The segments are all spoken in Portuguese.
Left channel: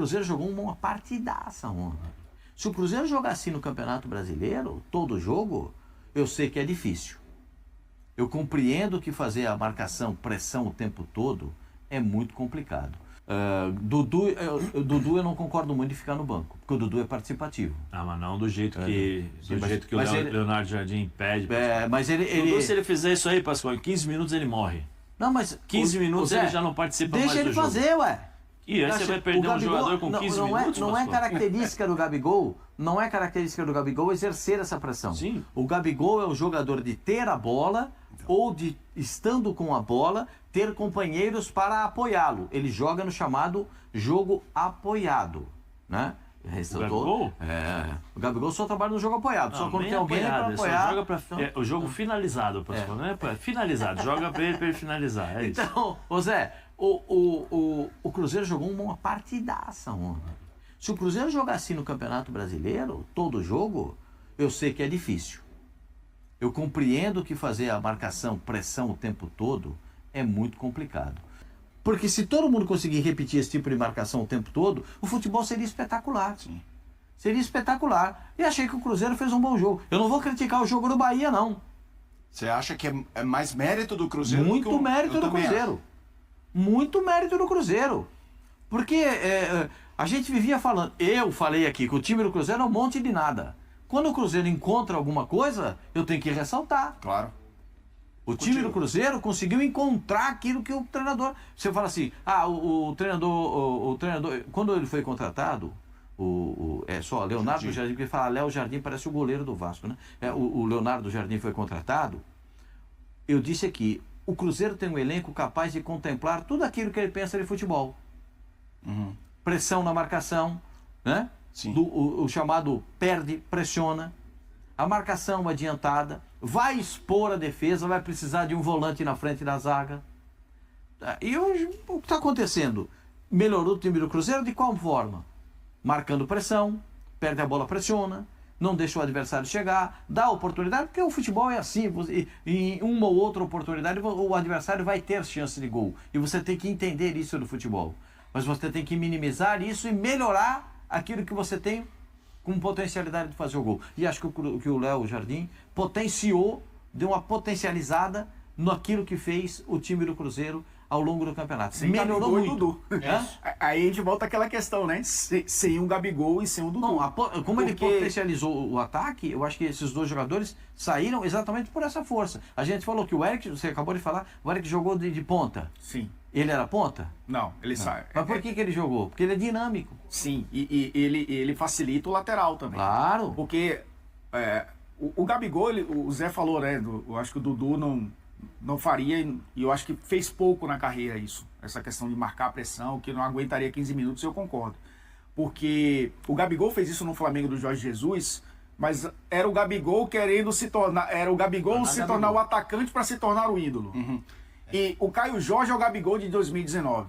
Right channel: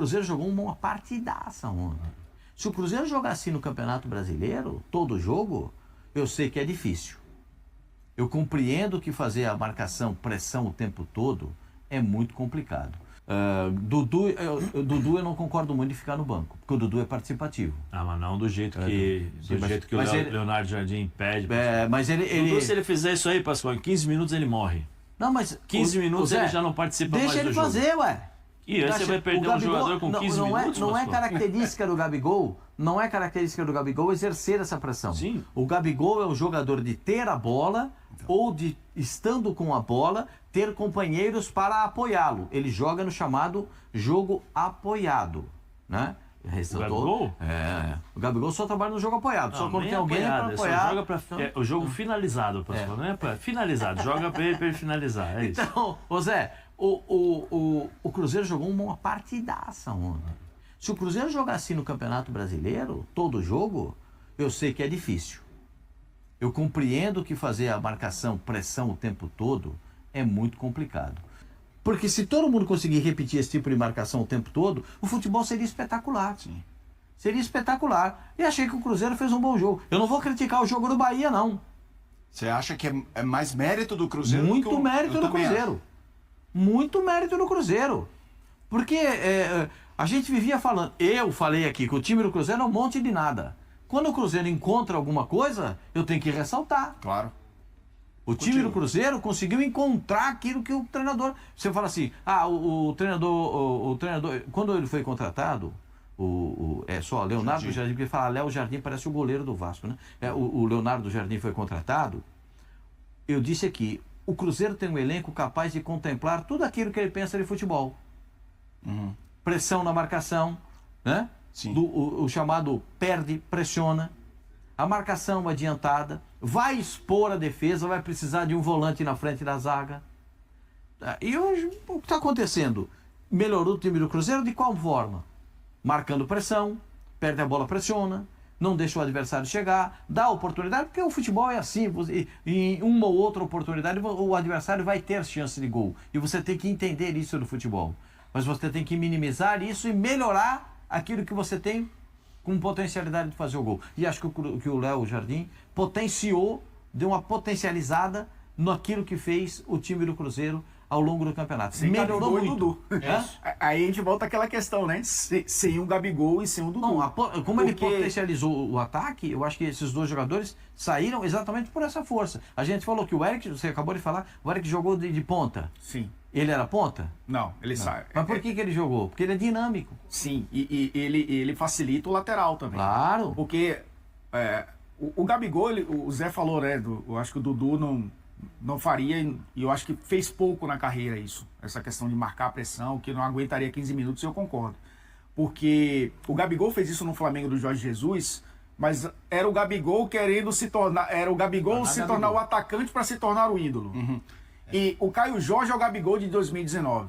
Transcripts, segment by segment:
Cruzeiro jogou uma partidaça ontem. Se o Cruzeiro jogar assim no Campeonato Brasileiro, todo jogo, eu sei que é difícil. Eu compreendo que fazer a marcação, pressão o tempo todo é muito complicado. Dudu eu não concordo muito de ficar no banco, porque o Dudu é participativo. Ah, mas não do jeito que, o Leonardo Jardim pede. Mas Dudu, se ele fizer isso aí, Pascoal, em 15 minutos ele morre. Não, mas 15 minutos ele já não participa mais do jogo. Deixa ele fazer, ué. E aí você vai perder um jogador com 15 minutos? Não é característica do Gabigol, não é característica do Gabigol exercer essa pressão. Sim. O Gabigol é o jogador de ter a bola ou de, estando com a bola, ter companheiros para apoiá-lo. Ele joga no chamado jogo apoiado, né? O Gabigol? O Gabigol só trabalha no jogo apoiado. Só quando tem alguém para apoiar. Joga pra, o jogo finalizado, Pascoal, não é finalizado. Joga para ele finalizar. É isso. Então, ô Zé, o Cruzeiro jogou uma partidaça ontem. Se o Cruzeiro jogar assim no Campeonato Brasileiro, todo jogo, eu sei que é difícil. Eu compreendo que fazer a marcação, pressão o tempo todo é muito complicado. Porque se todo mundo conseguir repetir esse tipo de marcação o tempo todo, o futebol seria espetacular. Sim. Seria espetacular. E achei que o Cruzeiro fez um bom jogo. Eu não vou criticar o jogo do Bahia, não. Você acha que é mais mérito do Cruzeiro? Muito mérito do Cruzeiro. Muito mérito do Cruzeiro. Porque a gente vivia falando, eu falei aqui que o time do Cruzeiro é um monte de nada. Quando o Cruzeiro encontra alguma coisa, eu tenho que ressaltar. Claro. O time do Cruzeiro conseguiu encontrar aquilo que o treinador... Você fala assim, o treinador, quando ele foi contratado, só Leonardo Jardim, porque ele fala, Léo Jardim parece o goleiro do Vasco, né? O Leonardo Jardim foi contratado, eu disse aqui, o Cruzeiro tem um elenco capaz de contemplar tudo aquilo que ele pensa de futebol. Uhum. Pressão na marcação, né? Sim. O chamado perde, pressiona. A marcação adiantada, vai expor a defesa, vai precisar de um volante na frente da zaga. E hoje, o que está acontecendo? Melhorou o time do Cruzeiro de qual forma? Marcando pressão, perde a bola, pressiona, não deixa o adversário chegar, dá oportunidade, porque o futebol é assim, em uma ou outra oportunidade o adversário vai ter chance de gol. E você tem que entender isso no futebol. Mas você tem que minimizar isso e melhorar aquilo que você tem com potencialidade de fazer o gol. E acho que o Léo Jardim potenciou, deu uma potencializada naquilo que fez o time do Cruzeiro ao longo do campeonato. Melhorou muito. Dudu. Aí a gente volta àquela questão, né? Sem um Gabigol e sem um Dudu. Não, como ele potencializou o ataque, eu acho que esses dois jogadores saíram exatamente por essa força. A gente falou que o Eric, você acabou de falar, o Eric jogou de ponta. Sim. Ele era ponta? Não, ele sai. Mas por que ele jogou? Porque ele é dinâmico. Sim, e ele facilita o lateral também. Claro. Porque o Gabigol, o Zé falou, né? Eu acho que o Dudu não faria, e eu acho que fez pouco na carreira isso. Essa questão de marcar a pressão, que não aguentaria 15 minutos, eu concordo. Porque o Gabigol fez isso no Flamengo do Jorge Jesus, mas era o Gabigol querendo se tornar. Era o Gabigol se tornar o atacante para se tornar o ídolo. Uhum. E o Caio Jorge é o Gabigol de 2019.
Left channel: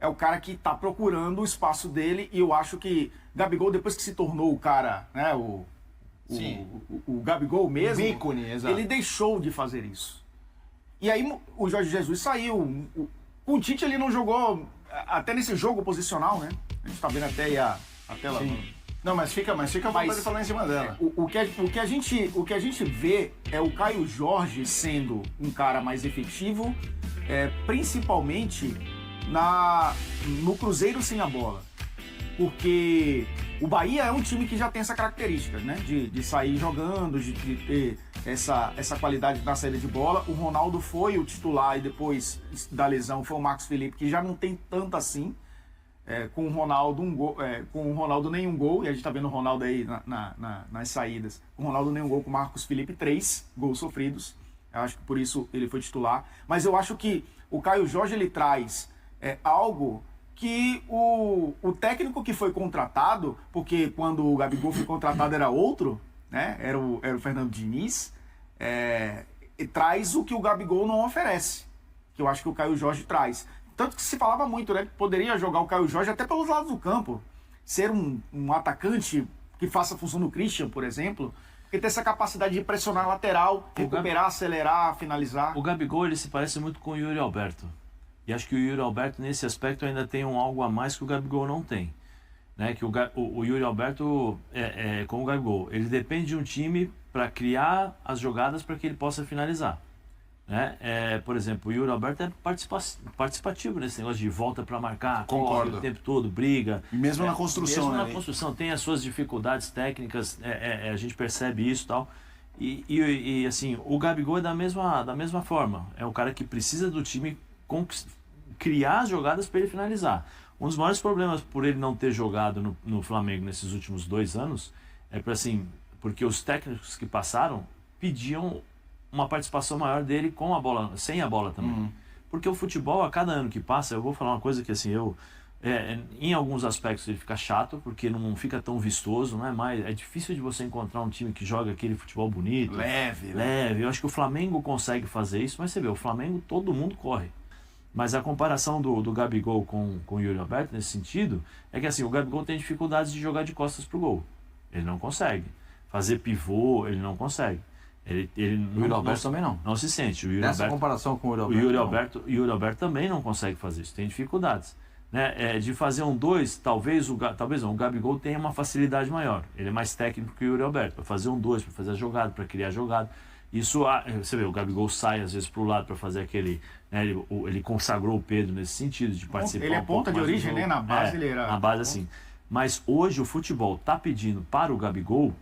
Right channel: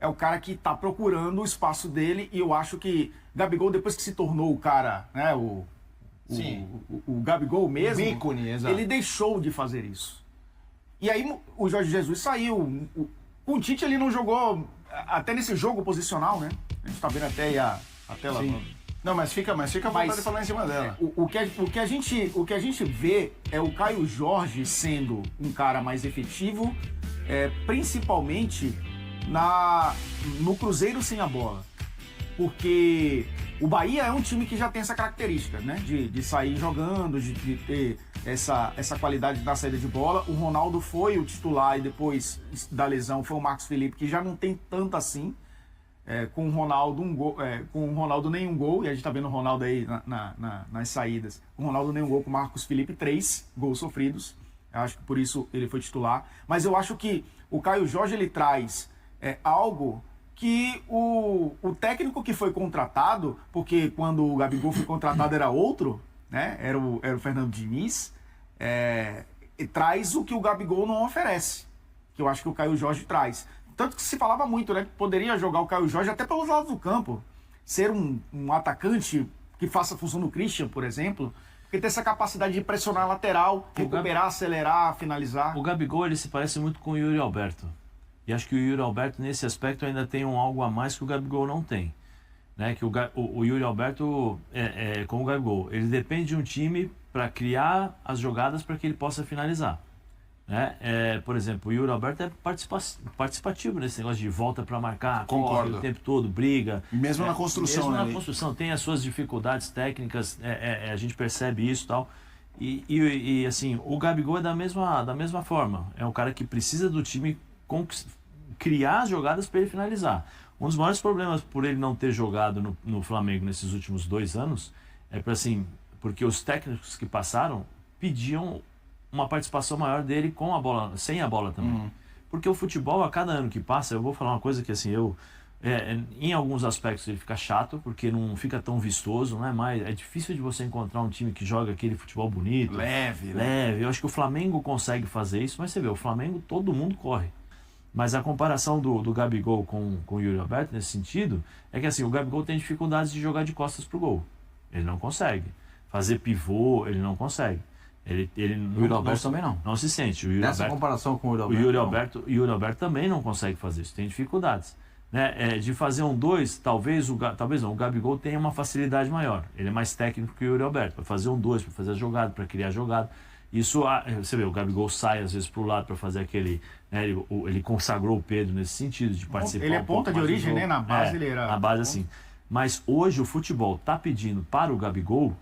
É o cara que está procurando o espaço dele, e eu acho que Gabigol, depois que se tornou o cara, né, o Gabigol mesmo, ícone, exato. ele deixou de fazer isso. E aí o Jorge Jesus saiu. Com o Tite ele não jogou, até nesse jogo posicional, né? A gente tá vendo até aí a tela. Não, mas fica à vontade de falar em cima dela. O que a gente vê é o Caio Jorge sendo um cara mais efetivo, principalmente no Cruzeiro sem a bola. Porque o Bahia é um time que já tem essa característica, né? De sair jogando, de ter essa qualidade na saída de bola. O Ronaldo foi o titular e depois da lesão foi o Marcos Felipe, que já não tem tanto assim. Com o Ronaldo com o Ronaldo nenhum gol, e a gente tá vendo o Ronaldo aí nas saídas. O Ronaldo nenhum gol, com o Marcos Felipe 3 gols sofridos. Eu acho que por isso ele foi titular. Mas eu acho que o Caio Jorge ele traz algo que o técnico que foi contratado, porque quando o Gabigol foi contratado era outro, né? Era o Fernando Diniz, e traz o que o Gabigol não oferece, que eu acho que o Caio Jorge traz. Tanto que se falava muito, né? Que poderia jogar o Caio Jorge até pelos lados do campo, ser um atacante que faça a função do Christian, por exemplo, porque tem essa capacidade de pressionar a lateral, recuperar, acelerar, finalizar. O Gabigol ele se parece muito com o Yuri Alberto. E acho que o Yuri Alberto, nesse aspecto, ainda tem algo a mais que o Gabigol não tem. né? Que o Yuri Alberto, como o Gabigol, ele depende de um time para criar as jogadas para que ele possa finalizar. Né? Por exemplo, o Yuri Alberto é participativo nesse negócio de volta para marcar, corre o tempo todo, briga. Mesmo na construção, mesmo né? na construção, tem as suas dificuldades técnicas, a gente percebe isso e tal. E assim, o Gabigol é da mesma forma. É um cara que precisa do time criar as jogadas para ele finalizar. Um dos maiores problemas por ele não ter jogado no Flamengo nesses últimos 2 anos porque os técnicos que passaram pediam uma participação maior dele com a bola, sem a bola também. Porque o futebol, a cada ano que passa, eu vou falar uma coisa que assim, em alguns aspectos ele fica chato, porque não fica tão vistoso, não é mais, é difícil de você encontrar um time que joga aquele futebol bonito, leve. Eu acho que o Flamengo consegue fazer isso, mas você vê, o Flamengo todo mundo corre. Mas a comparação do Gabigol com o Yuri Alberto nesse sentido é que assim, o Gabigol tem dificuldades de jogar de costas pro gol. Ele não consegue. Fazer pivô, ele não consegue. O Yuri Alberto também não. Não se sente. Nessa comparação com o Yuri Alberto. O Yuri Alberto também não consegue fazer isso, tem dificuldades. Né? De fazer um 2, talvez não, o Gabigol tenha uma facilidade maior. Ele é mais técnico que o Yuri Alberto. Para fazer um 2, para fazer a jogada, para criar a jogada. Isso, você vê, o Gabigol sai às vezes para o lado para fazer aquele. Né, ele consagrou o Pedro nesse sentido, de participar. Ele é ponta de origem, né? Na base ele era. Na base, assim. Mas hoje o futebol está pedindo para o Gabigol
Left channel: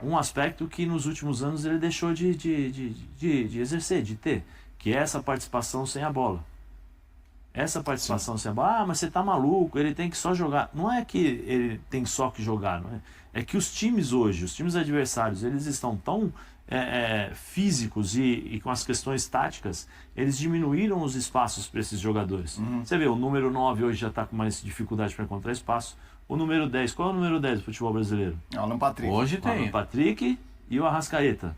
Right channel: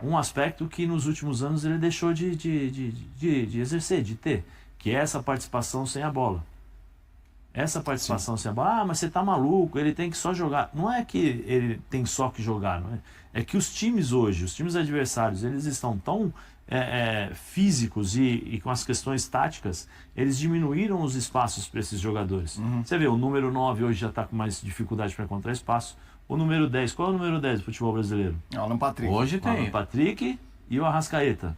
um aspecto que nos últimos anos ele deixou de exercer, de ter, que é essa participação sem a bola. Essa participação sem a bola, mas você tá maluco, ele tem que só jogar. Não é que ele tem só que jogar, não é? É que os times hoje, os times adversários, eles estão tão físicos e com as questões táticas, eles diminuíram os espaços para esses jogadores. Você vê, o número 9 hoje já está com mais dificuldade para encontrar espaço. O número 10, qual é o número 10 do futebol brasileiro? Alan Patrick. Hoje tem. O Patrick e o Arrascaeta.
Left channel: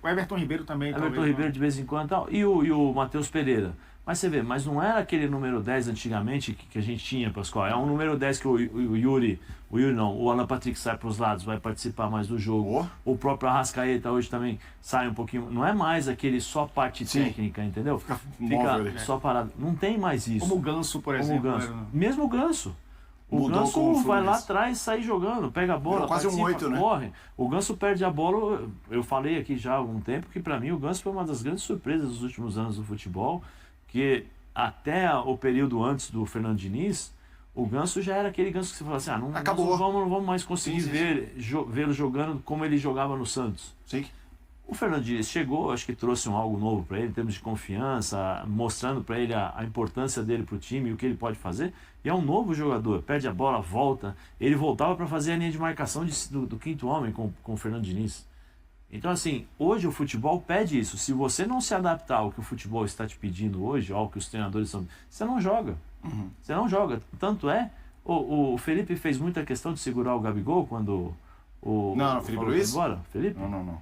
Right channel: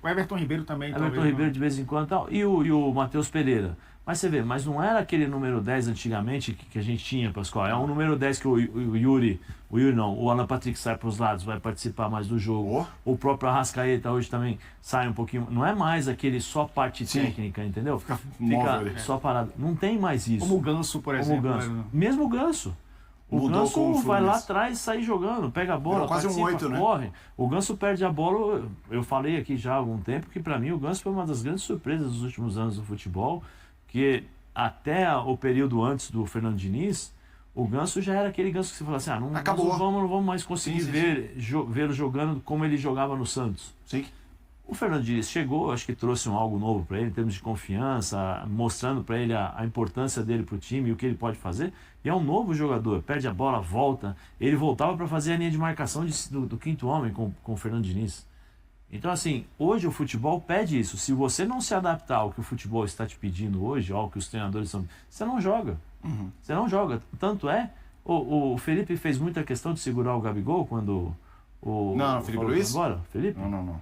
O Everton Ribeiro também. Everton Ribeiro de vez em quando tal, e o Matheus Pereira. Mas você vê, mas não era aquele número 10 antigamente que a gente tinha, Pascoal. É um número 10 que o Alan Patrick sai para os lados, vai participar mais do jogo. O próprio Arrascaeta hoje também sai um pouquinho. Não é mais aquele só parte técnica, entendeu? Fica só parado. Não tem mais isso. Como o Ganso, por exemplo. Mesmo o Ganso. O Ganso vai lá atrás, sai jogando, pega a bola, quase um 8, né? Corre. O Ganso perde a bola. Eu falei aqui já há algum tempo que para mim o Ganso foi uma das grandes surpresas dos últimos anos do futebol, que até o período antes do Fernando Diniz, o Ganso já era aquele Ganso que você fala assim, não vamos mais conseguir vê-lo jogando como ele jogava no Santos. Sim. O Fernando Diniz chegou, acho que trouxe algo novo para ele, em termos de confiança, mostrando para ele a importância dele para o time e o que ele pode fazer. E é um novo jogador, perde a bola, volta. Ele voltava para fazer a linha de marcação do quinto homem com o Fernando Diniz. Então, assim, hoje o futebol pede isso. Se você não se adaptar ao que o futebol está te pedindo hoje, ao que os treinadores estão... Você não joga. Você não joga. Tanto o Felipe fez muita questão de segurar o Gabigol quando o... Não, Felipe Luiz? Embora. Felipe? Não.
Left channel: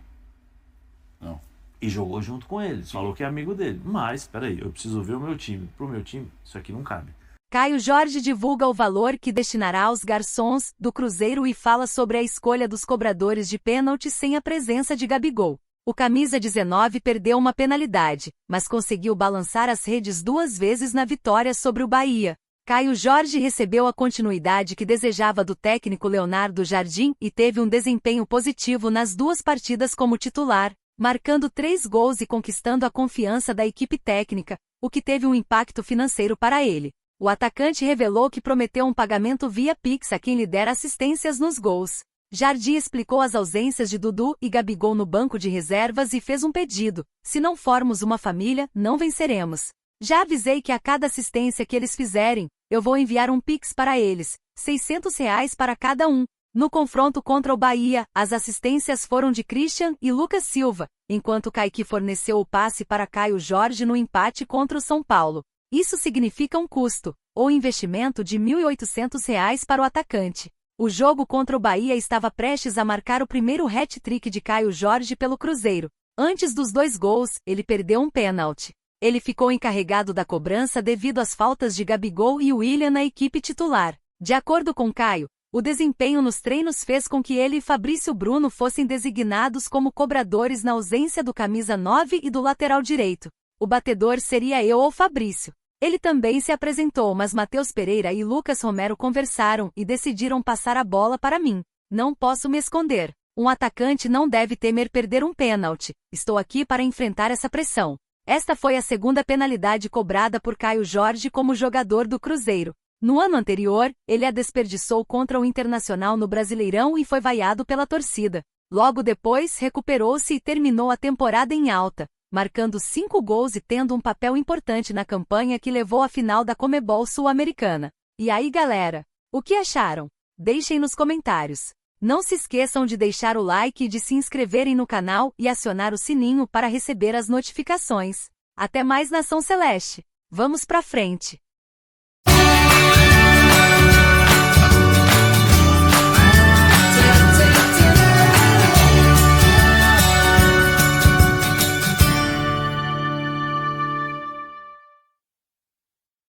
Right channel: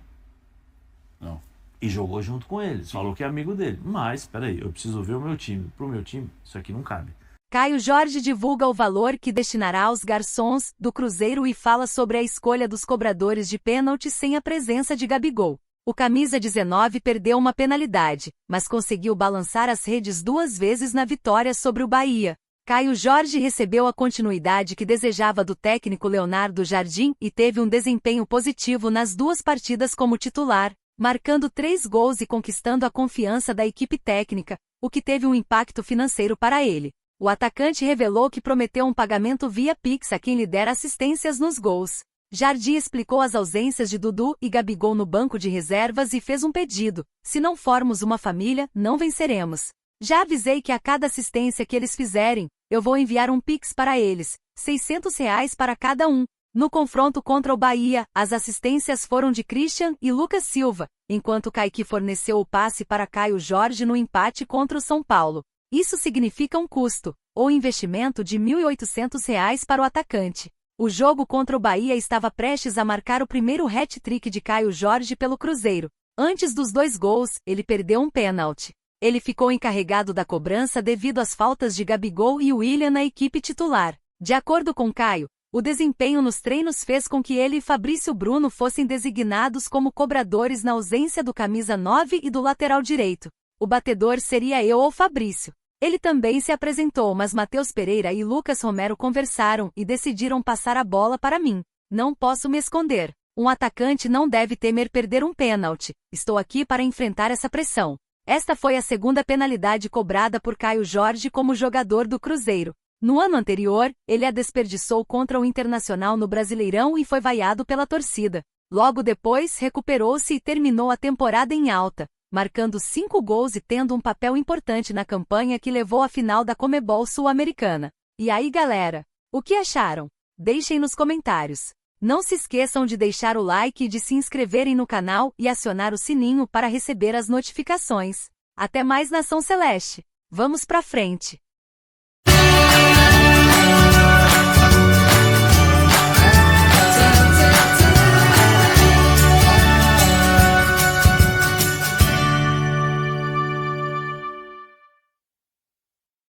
E jogou junto com ele. Falou que é amigo dele. Mas, peraí, eu preciso ver o meu time. Pro meu time, isso aqui não cabe. Caio Jorge divulga o valor que destinará aos garçons do Cruzeiro e fala sobre a escolha dos cobradores de pênalti sem a presença de Gabigol. O camisa 19 perdeu uma penalidade, mas conseguiu balançar as redes 2 vezes na vitória sobre o Bahia. Caio Jorge recebeu a continuidade que desejava do técnico Leonardo Jardim e teve um desempenho positivo nas 2 partidas como titular, marcando 3 gols e conquistando a confiança da equipe técnica, o que teve um impacto financeiro para ele. O atacante revelou que prometeu um pagamento via Pix a quem lhe der assistências nos gols. Jardim explicou as ausências de Dudu e Gabigol no banco de reservas e fez um pedido: se não formos uma família, não venceremos. Já avisei que a cada assistência que eles fizerem, eu vou enviar um Pix para eles, R$600 para cada um. No confronto contra o Bahia, as assistências foram de Christian e Lucas Silva, enquanto Kaique forneceu o passe para Caio Jorge no empate contra o São Paulo. Isso significa um custo, ou investimento de R$1.800 para o atacante. O jogo contra o Bahia estava prestes a marcar o primeiro hat-trick de Caio Jorge pelo Cruzeiro. Antes dos 2 gols, ele perdeu um pênalti. Ele ficou encarregado da cobrança devido às faltas de Gabigol e Willian na equipe titular. De acordo com Caio, o desempenho nos treinos fez com que ele e Fabrício Bruno fossem designados como cobradores na ausência do camisa 9 e do lateral direito. O batedor seria eu ou Fabrício. Ele também se apresentou, mas Matheus Pereira e Lucas Romero conversaram e decidiram passar a bola para mim. Não posso me esconder. Um atacante não deve temer perder um pênalti. Estou aqui para enfrentar essa pressão. Esta foi a segunda penalidade cobrada por Caio Jorge como jogador do Cruzeiro. No ano anterior, ele a desperdiçou contra o Internacional no Brasileirão e foi vaiado pela torcida. Logo depois, recuperou-se e terminou a temporada em alta, marcando 5 gols e tendo um papel importante na campanha que levou à final da Comebol Sul-Americana. E aí, galera? O que acharam? Deixem nos comentários. Não se esqueçam de deixar o like e de se inscreverem no canal e acionar o sininho para receber as notificações. Até mais, Nação Celeste! Vamos pra frente!